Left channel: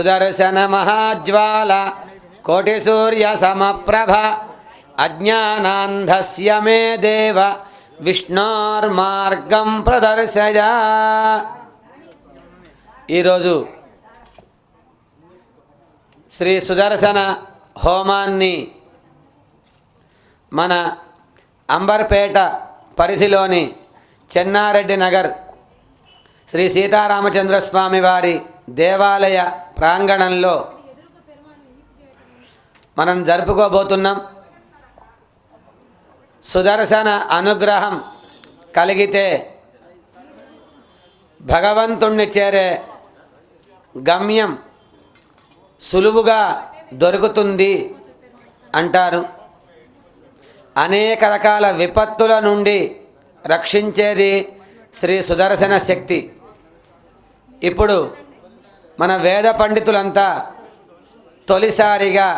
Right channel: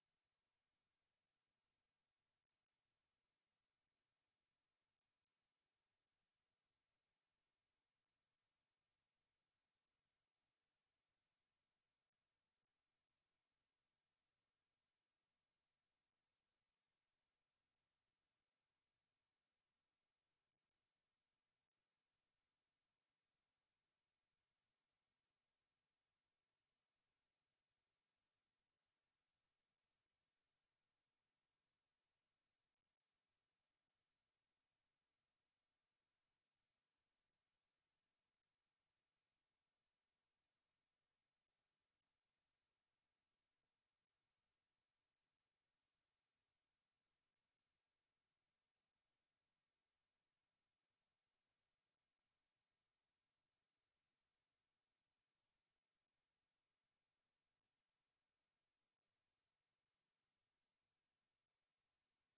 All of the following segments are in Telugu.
సుదర్శన మహాజ్వాల కోటి సూర్య సమప్రభ అజ్ఞానాంధస్య మే దేవ విష్ణోర్మార్గం ప్రదర్శయ. ఈరోజు శ్రీ సుదర్శన హోమాన్ని మన అంబర్పేట పరిధిలోని చెన్నారెడ్డి నగర్ శ్రీ సీతారామచంద్ర స్వామి వారి దేవాలయ ప్రాంగణంలో మనం జరుపుకోబోతున్నాం. సుదర్శన అనుగ్రహం కలిగితే భగవంతుణ్ణి చేరే గమ్యం సులువుగా దొరుకుతుంది అంటారు. అనేక రకాల విపత్తుల నుండి రక్షించేది శ్రీ సుదర్శన శక్తి. ఇప్పుడు మన వేద పండితులంతా తొలిసారిగా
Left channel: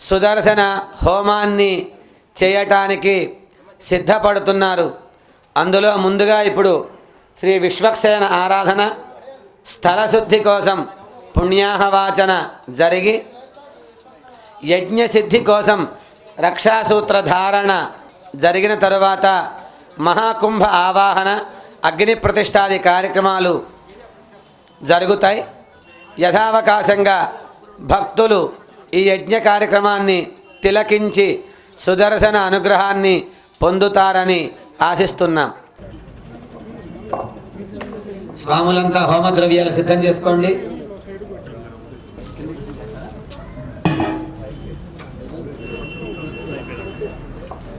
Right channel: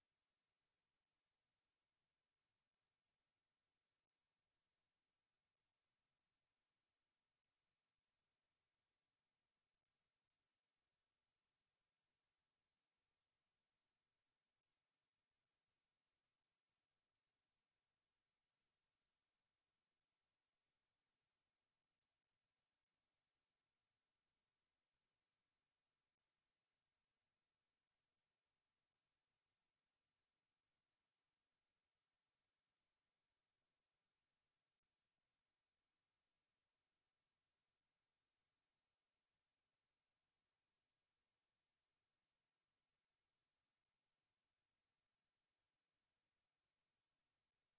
సుదర్శన హోమాన్ని చేయటానికి సిద్ధపడుతున్నారు. అందులో ముందుగా ఇప్పుడు శ్రీ విశ్వక్సేన ఆరాధన స్థలశుద్ధి కోసం పుణ్యాహవాచన జరిగి యజ్ఞసిద్ధి కోసం రక్షాసూత్ర ధారణ జరిగిన తరువాత మహాకుంభ ఆవాహన అగ్ని ప్రతిష్టాది కార్యక్రమాలు జరుగుతాయి. యథావకాశంగా భక్తులు ఈ యజ్ఞ కార్యక్రమాన్ని తిలకించి సుదర్శన అనుగ్రహాన్ని పొందుతారని ఆశిస్తున్నాం. స్వాములంతా హోమద్రవ్యాలు సిద్ధం చేసుకోండి.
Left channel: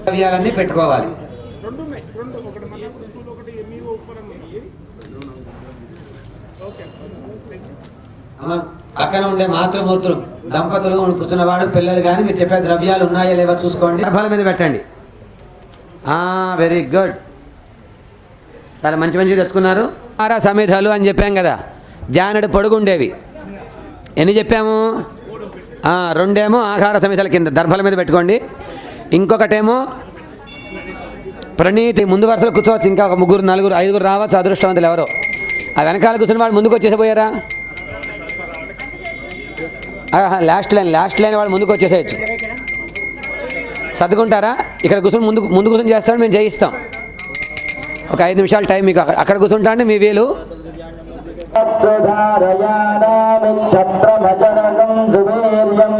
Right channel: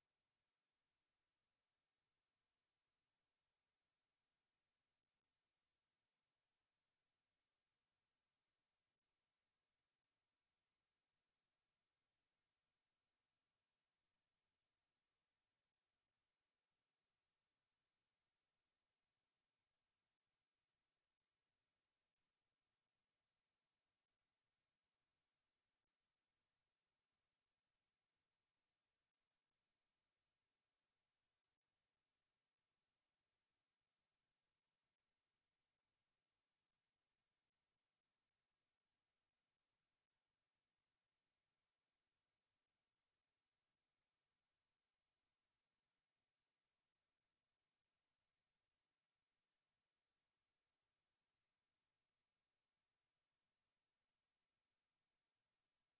ద్రవ్యాలన్నీ పెట్టుకోవాలి. అమ్మ, పక్కన ఉండే మాతృమూర్తులు దంపతులు కూర్చున్నవాడు పిల్లలు కానీ మీరు చెప్పే ద్రవ్యాలు ఉన్నాయా లేవా చూసుకోండి. గర్భాల మీద పెట్టండి. వెరీ గుడ్ చాలా మంచి మంచివి తెచ్చుకున్నారు. ఆరా సమిధలు అని చెప్పాం కదా. జానడు పొడుగుండేవి. ఎన్ని చెప్పాము? ఆ, రెండేమో ఆహార సమితల కింద దర్భల మీద పెట్టుకోండి. ఇంకొకటేమో ప్రణీతి ముందు వరుసలో కూర్చోవచ్చు. ఇంకా ఒక ముగ్గురు నలుగురు ఐదుగురు రావచ్చు. అదృష్టవంతులు ఎవరో. ఆ వెనకాల కూర్చున్న వాడు ముందుకు వచ్చేసిపోయారా? లాస్ట్ లైన్ లాస్ట్ లైన్ వాళ్ళు ముందుకు వచ్చేసేయచ్చు. సర్దుకుంటారా? ఇక్కడ కూర్చొని ముందు ముందు కూర్చొని చేస్తాడు మేము జయిస్తాం. ఒక ఐదు నిమిషాలు టైం మీకు అక్కడ కూర్చుంటా అండి మీ వీలు. క్షత్రమచరణం సువీర్యం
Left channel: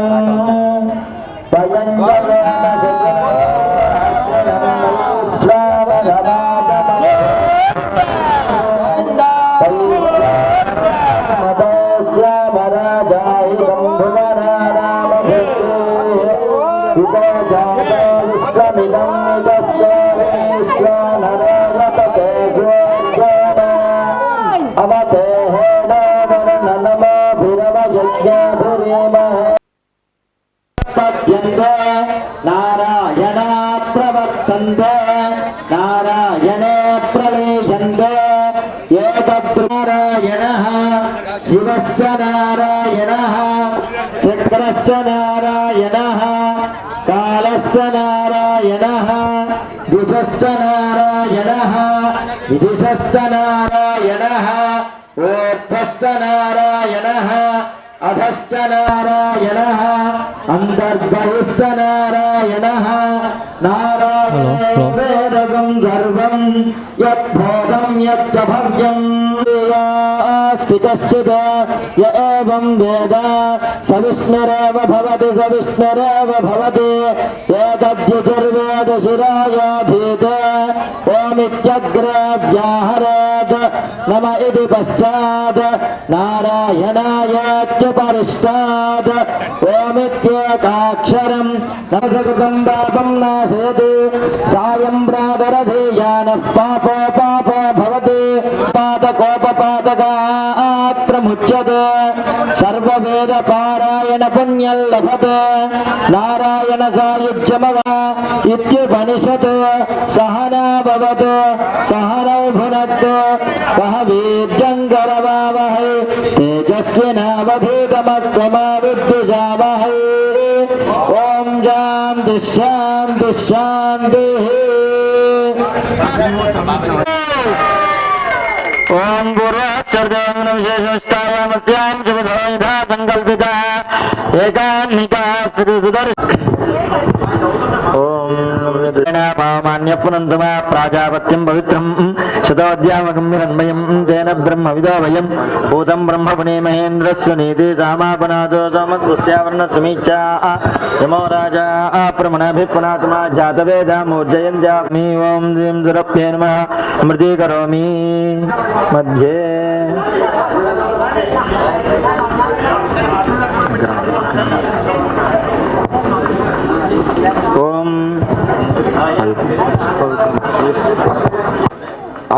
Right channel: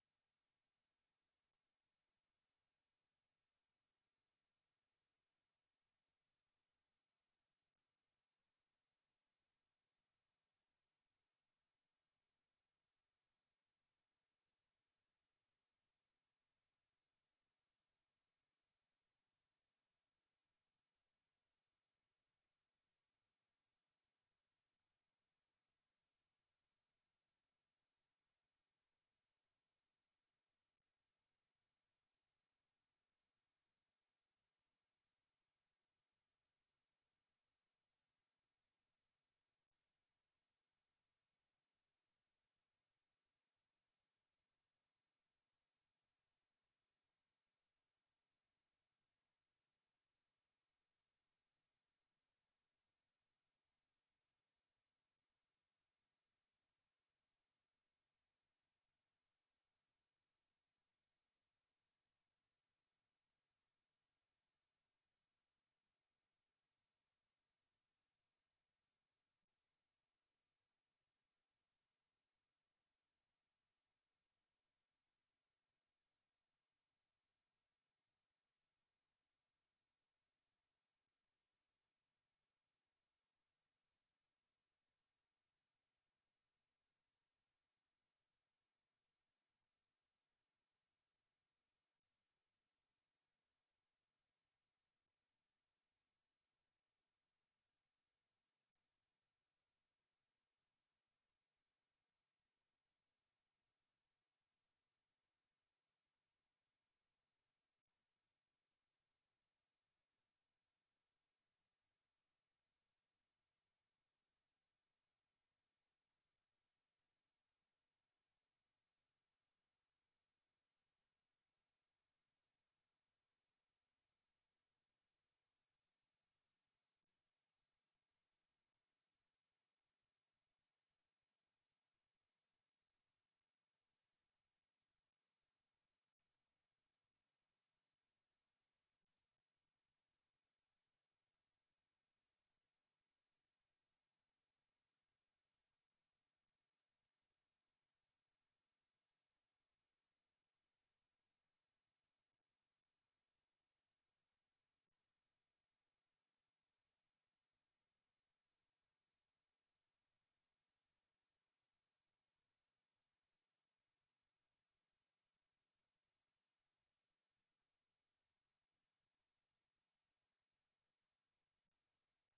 ప్రవర్తంతే నారాయణే ప్రవేశంతే ఏతత్రారాయణ శివశ్చ నారాయణ శంకరశ్చ నారాయణ కాలశ్చ నారాయణ దిశశ్చ నారాయణ విదిశశ్చ నారాయణ ఓర్ధశ్చ నారాయణ అధశ్చ నారాయణ అంతర్బహిశ్చ స్థితశ్చిత య ఏవం వేద సవిష్ణురేవ భవతి సవిష్ణురేవ భవతి ఏతద్యుర్వేద శిరాయాధీత ఓమిత్యగ్రే వ్యాహరేత్ నమ ఇది పశ్చాత్ నారాయణాయేత్యుపరిష్టాత్ ఓమిత్యేకాక్షరం నమసకృతం పాపం నాశయతి సాయం ప్రాదరధీయాన పాపో नारायण नारायणसायुज्यमव इत्युपनिषत् सहना भवतु सहनौ भुनक्तु सह वीर्यङ्गरवावहै శాంతి శాంతి శాంతి ఓం గురుచర్దేవం విశేషష్టాయామస్యాం శుభధోయుధా సంకల్పిత ఏకాన్నికా ప్రాజాపత్యం పవిత్రం. శతోద్యామగమ్యన్మయం తేన బ్రహ్మ విదో వయం. భూతం బ్రహ్మ పుణే మహేంద్రస్య నీతి సామాపనాథో సమస్యావర్ణ సమీచా యమో రాజా ప్రమణాభిపునాత్మా జాతవేదామూర్జయంజామి ఓం శ్రీం దురప్యే నమ. మృదీకరోమి మధ్యే.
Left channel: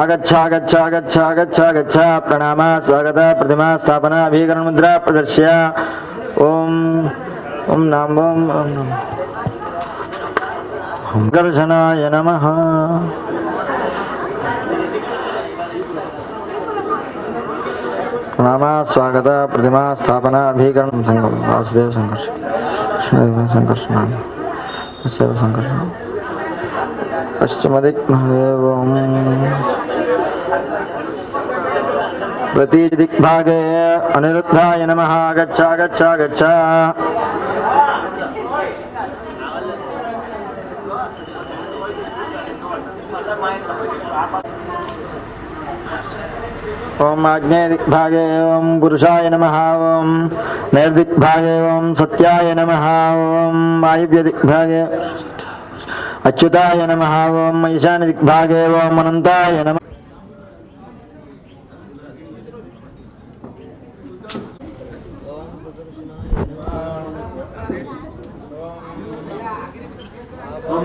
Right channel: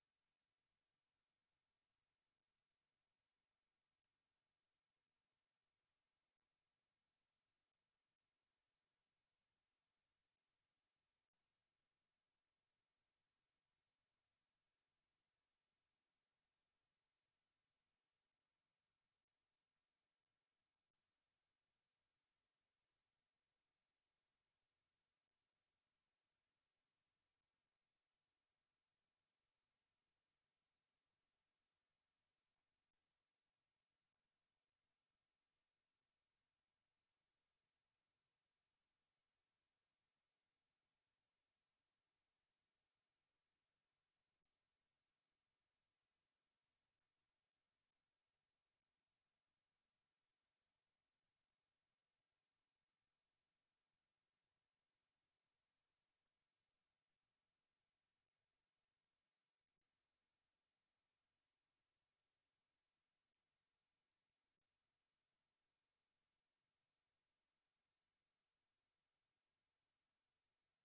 आगच्छा गच्छा गच्छा गच्छा गच्छ प्रणाम, स्वागत, प्रतिमा, स्थापना, अभिकरण, मुद्रा, प्रदर्श्य। ओम ओम नाम, ओम ओम गर्जनाय नमः। प्रणाम, स्वागत, प्रतिमा, स्थापना, अभिकरण वासुदेव संघर्ष। संघर्ष नाम। वासुदेव संघर्ष पश्चिमदिक् एवं పశ్చిమదిగ్మహేవం ప్రతిదిగ్భాగే అనిరుద్ధాయ నమ గచ్చ గచ్చ గచ్చ ఓం ఆగ్నేయ దిగ్భాగే ఓం పురుషాయ నమ ఓం నైర్దిగ్భాగే ఓం సత్యాయ నమ ఓం వాయువ్య దిగ్భాగే అచ్యుతాయ నమ ఓం ఈశాన్య దిగ్భాగే ఓం అనంతాయ నమ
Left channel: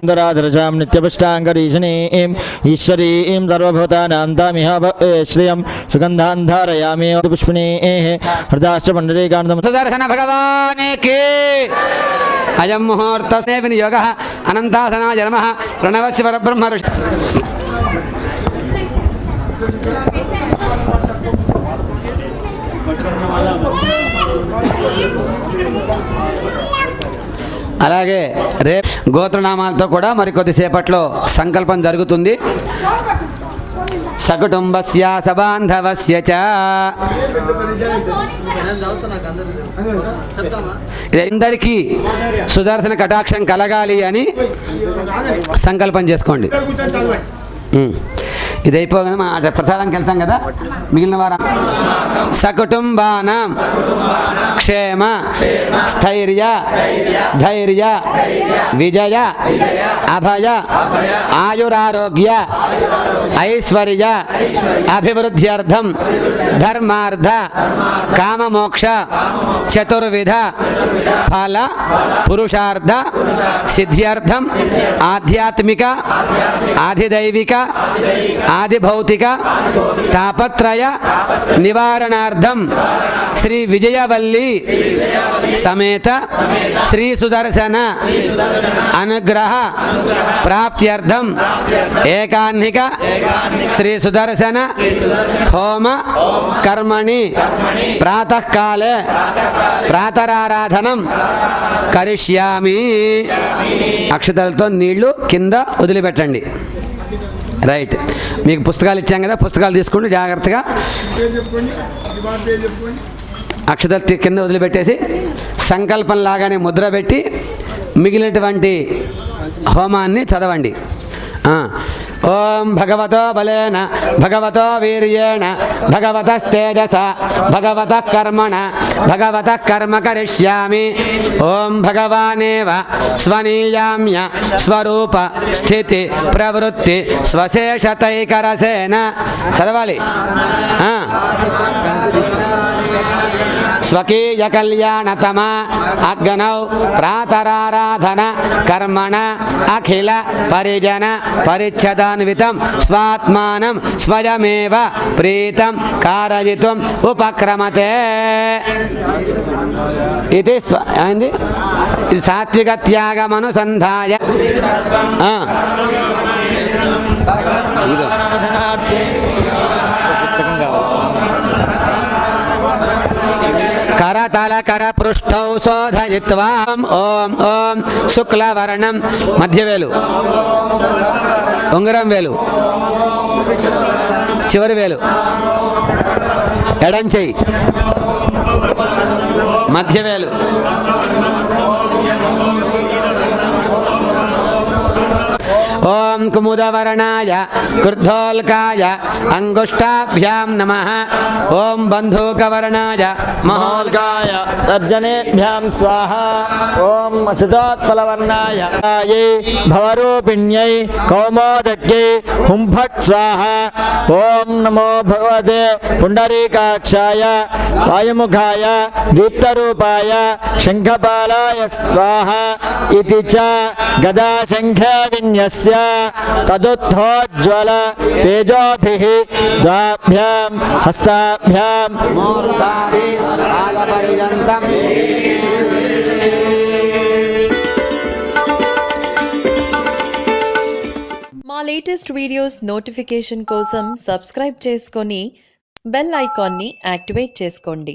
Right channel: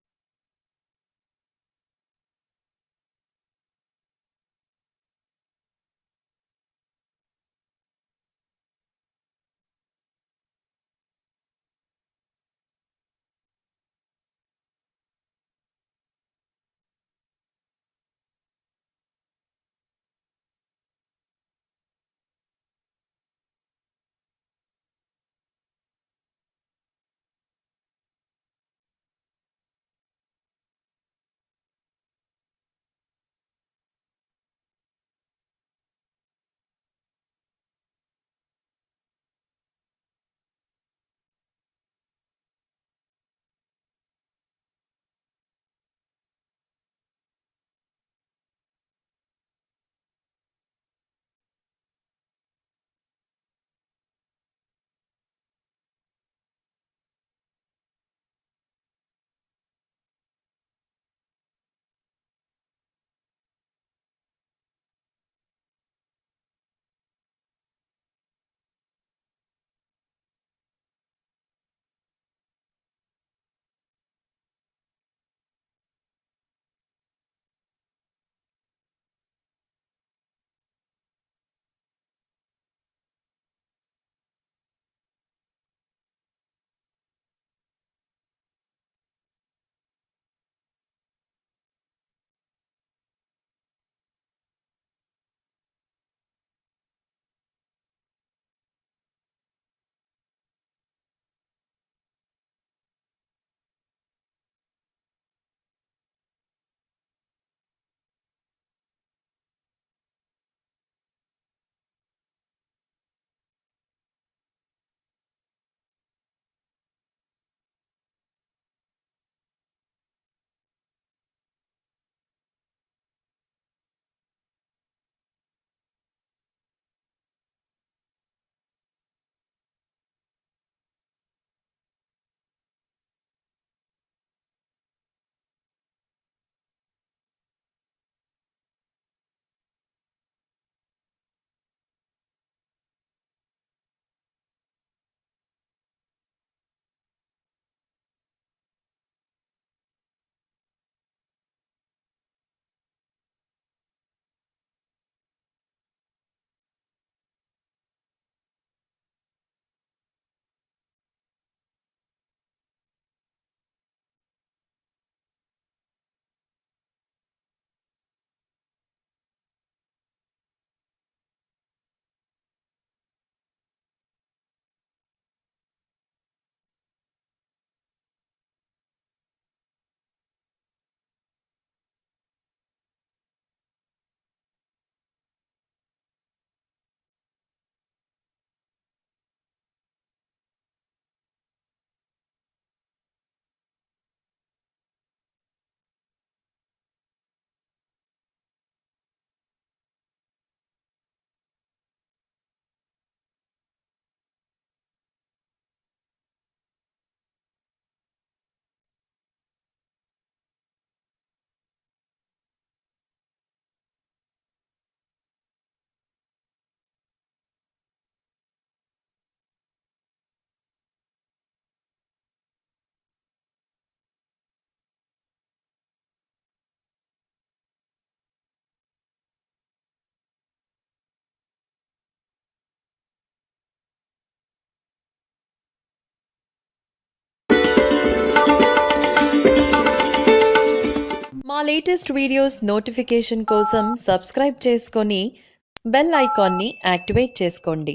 सुन्दराधरजां नित्यपुष्टाङ्गरीषणीं ईश्वरीं सर्वभूतानां तामिह श्रियं सुगन्धान् धारयामि पुष्पिणीः हृदाश्च पण्डरीकान्तम् సుదర్శన భగవానికి అయం ముహూర్త వినియోగ అనంతాసనాయ నమ ప్రణవస్య పరబ్రహ్మ ఋషి అలాగే రేపు గోత్రనామాలతో కూడా మరికొద్దిసేపట్లో సంకల్పం జరుగుతుంది. సకుటుంబస్య సబాంధవస్య చ. సుదర్శన కటాక్షం కలగాలి అని సంకల్పం చేసుకోండి. ఇది అయిపోగానే మనం ప్రసాదానికి వెళ్తాం కదా? మిగిలిన వారం. సకుటుంబానం. క్షేమ. స్థైర్య. ధైర్య. విజయ. అభయ. ఆయురారోగ్య. ఐశ్వర్య. అభివృద్ధ్యర్థం. ధర్మార్థ. కామమోక్ష. చతుర్విధ. ఫల. పురుషార్థ. సిద్ధ్యర్థం. ఆధ్యాత్మిక. ఆధిదైవిక. ఆదిభౌతిక తాపత్రయ నివారణార్థం. శ్రీ విజయవల్లి సమేత శ్రీ సుదర్శన అనుగ్రహ ప్రాప్త్యర్థం. ఏకాన్నిక శ్రీ సుదర్శన హోమ కర్మణి ప్రాతకాలే ప్రాతరారాధనం కరిష్యామి. అక్షతలతో నీళ్ళు కింద వదిలిపెట్టండి. రైట్. మీకు పుస్తకాలు ఇచ్చాం కదా పుస్తకాలు తీసుకోండి జాగ్రత్తగా. అక్షతలు కింద వదిలిపెట్టేసి సంకల్పం లాగానే ముద్ర పెట్టి మిగిలినటువంటి హోమాన్ని చదవండి. ఓం భగవతో బలేన భగవతో వీర్యేణ భగవతస్తేజస భగవత కర్మణ భగవత కర్మ కరిష్యామి. ఓం భగవానేవ స్వనీయామ్య స్వరూప స్థితి ప్రవృత్తి స్వశేషతైకరసేన. చదవాలి. ఆ. స్వకీయ కళ్యాణతమ అగ్నౌ ప్రాతరారాధన కర్మణ అఖిల పరిజన పరిచ్ఛదాన్వితం స్వాత్మానం స్వయమేవ ప్రీతం కారయితం ఉపక్రమతే ఇది ఏంది? ఇది సాత్విక త్యాగమనుసంధాయ ఇదో ఇదిగో. కరతల కర పృష్ఠౌ शुक्लवर्णं ఓం ఓం శుక్లవర్ణం మధ్యవేలు ఉంగరం వేలు చివరి వేలు ఎడం చెయ్యి మధ్యవేలు ఓం కుముదవర్ణాయ క్రుద్ధోల్కాయ అంగుష్టాభ్యాం నమ ఓం బంధూకవర్ణాయ మహోల్కాయ తర్జనేభ్యాం స్వాహ ఓం సితోత్పలవర్ణాయ భవరూపిణ్యై కౌమోదక్యై హుంఫట్ స్వాహ ఓం నమో భగవతే పుండరీకాక్షాయ వాయుముఖాయ దీప్తరూపాయ శంఖపాలాయ స్వాహ ఇది చ గదా శంఖ విన్యస్య తదుద్ధోజ్వల తేజోభి ద్వాభ్యాం హస్తాభ్యాం మా లేటెస్ట్ వీడియోస్ నోటిఫికేషన్ కోసం సబ్స్క్రైబ్ చేసుకొని బెల్ ఐకాన్ని యాక్టివేట్ చేసుకోండి.